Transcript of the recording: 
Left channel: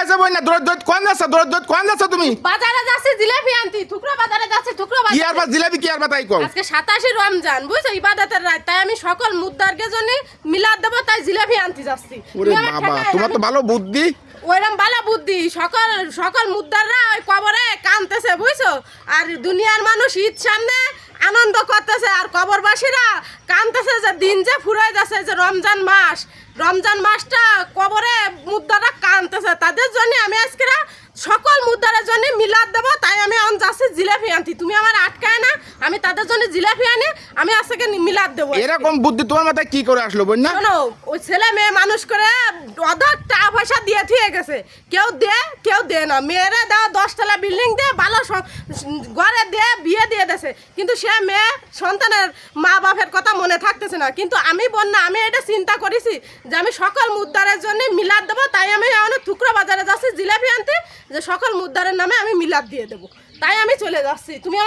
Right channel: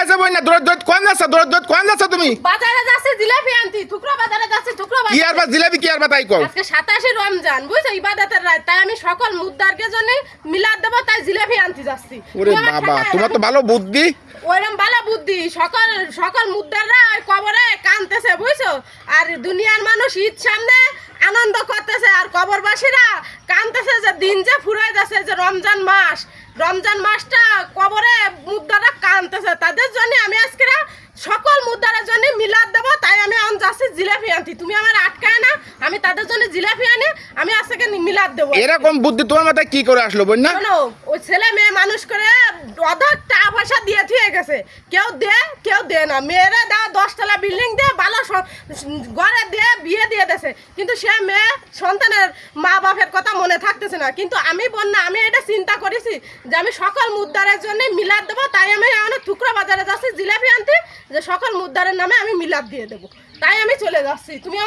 আচ্ছা বই না কোন যাচ্ছ তুমি বাজারে যাচ্ছি জিলাপি আনতি টুকরো বাজারে যাচ্ছি টুকরো কি বাজারে আর বা জিলাপি কি আর বা তাই কও আজকে 27 রমজান বুঝছো ইবাদতের রাত তাই আমি সকল মুদ্দারকে জন্য মিলাদ দেব তাই জিলাপি আনতে যাচ্ছি ওরে বাবা তোমার তো ভালো বুদ্ধি ওইরকম বালা বুদ্ধি সকল সকল মুদ্দাররা ওই কবরে কানতেছে বুঝছো আর দুনিয়ার মানুষ ঈদ সামনে আনন্দ করতেছে আর কবরবাসীরা কানতেছে যে দিন যে ফুরাই যাচ্ছে যে রমজান মাসটা কবরে মুদ্দারা কানতেছে তাদের জন্য আমি আজকে সকল মুদ্দারের জন্য মিলাদ দেবো তাই আমি এখন যাচ্ছি জিলাপি আনতি তুমি আমার আটকায় না আমি তাদের জন্য জিলাপি আনি আমি আজকে মিলাদ দেবো এরকম বুদ্ধি তোমার মাথায় কি করে আসলো বই না শোনো ওই ছেলে মেয়ে মানুষ করে অধর টাকা পয়সা দিয়ে থুয়ে গেছে কেউ দে না মেয়েরা দেওয়া 10 তলা বিল্ডিং দিয়ে ভালো ঘরে দিয়ে বিয়ে দিয়ে দেছে কিন্তু সে মেয়ে সন্তানের মা বাপের কথা মনে থাকতেছে না কিন্তু আমি বন্যা আমি এটা চিন্তা করেছি যে আমি সকল মুদ্দারের জন্য মিলাদ দেবো তাই আমি এখন টুকরো বাজারে যাচ্ছি জিলাপি আনতে যে সকল মুদ্দারের নামে আমি মিলাদ দিয়ে দেবো তাই আমি চলে যাচ্ছি তুমি